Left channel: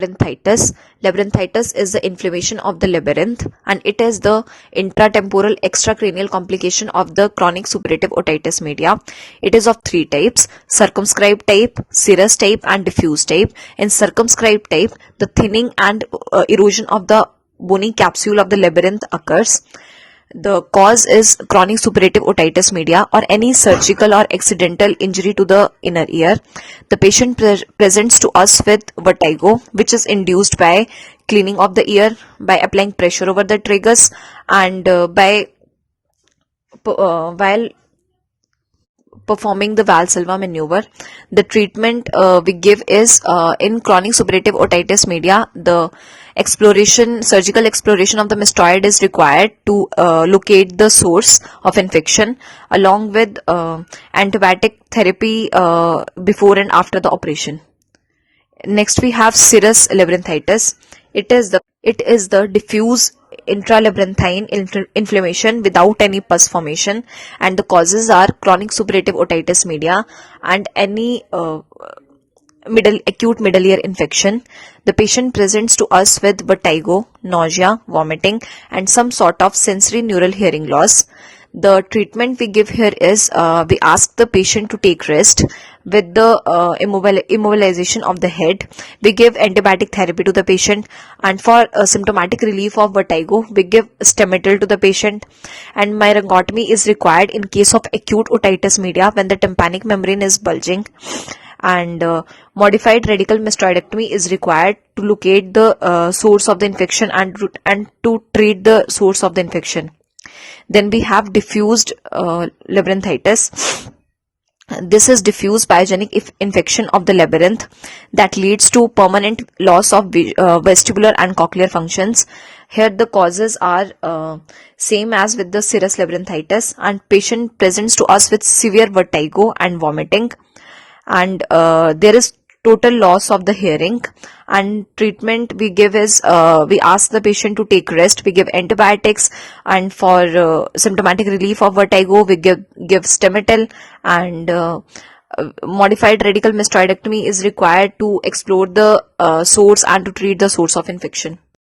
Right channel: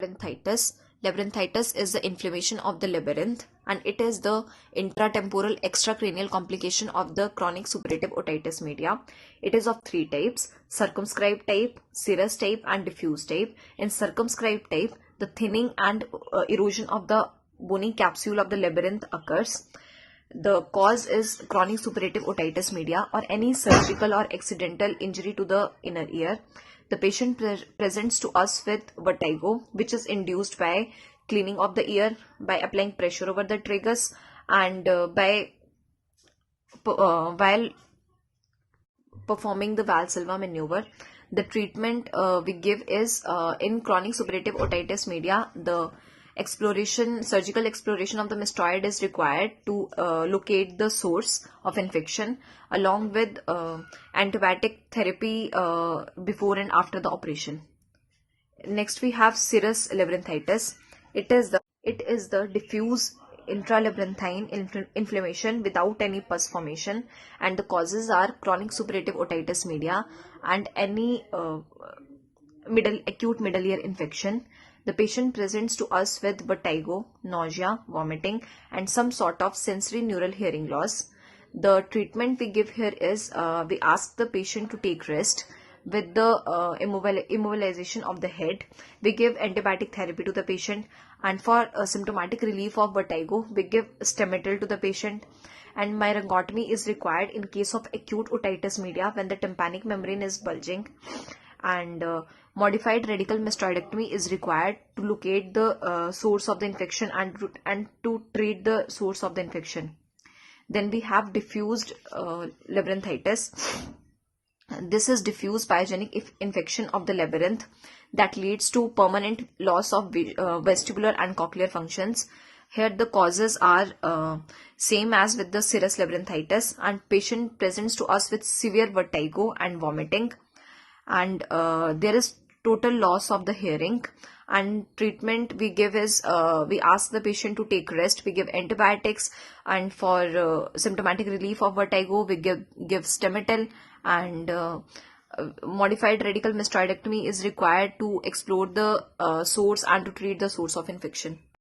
Labyrinthitis. Labyrinthitis is the inflammation of the labyrinth, and it is the intratemporal extracranial complication of the chronic suppurative otitis media. It is of three types: circumscribed type, serous type, and diffuse type. In circumscribed type, the thinning and erosion of the bony capsule of the labyrinth occurs. The cause is chronic suppurative otitis media or any surgical or accidental injury to the inner ear. The patient presents to us with vertigo, which is induced by cleaning of the ear, by applying pressure over the tragus, and while performing the Valsalva maneuver. The treatment we give is in chronic suppurative otitis media, the surgical exploration of the mastoid is required to locate the source of infection, along with antibiotic therapy before and after the operation. Next we have serous labyrinthitis. It is the diffuse intralabyrinthine inflammation without any pus formation, and the causes are chronic suppurative otitis media and any acute middle ear infection. The patient presents to us with vertigo, nausea, vomiting, and some sort of sensory neural hearing loss. The treatment we give here is we ask the patient to take rest with the immobilization of the head. We give antibiotic therapy to the patient, and for symptomatic relief of vertigo, we give stemetil to the patient, and myringotomy is required in case of acute otitis media when the tympanic membrane is bulging, and modified radical mastoidectomy is required to locate the source of the infection and to treat the source of the infection. Then we have diffused labyrinthitis. This is diffuse pyogenic infection of the labyrinth that leads to permanent loss of vestibular and cochlear functions. Here the causes are same as with the serous labyrinthitis, and patient presents to us with severe vertigo and vomiting, and there is total loss of the hearing. And treatment we give is we ask the patient to take rest. We give antibiotics, and for symptomatic relief of vertigo we give stemetil, and modified radical mastoidectomy is required to explore the source and to treat the source of infection.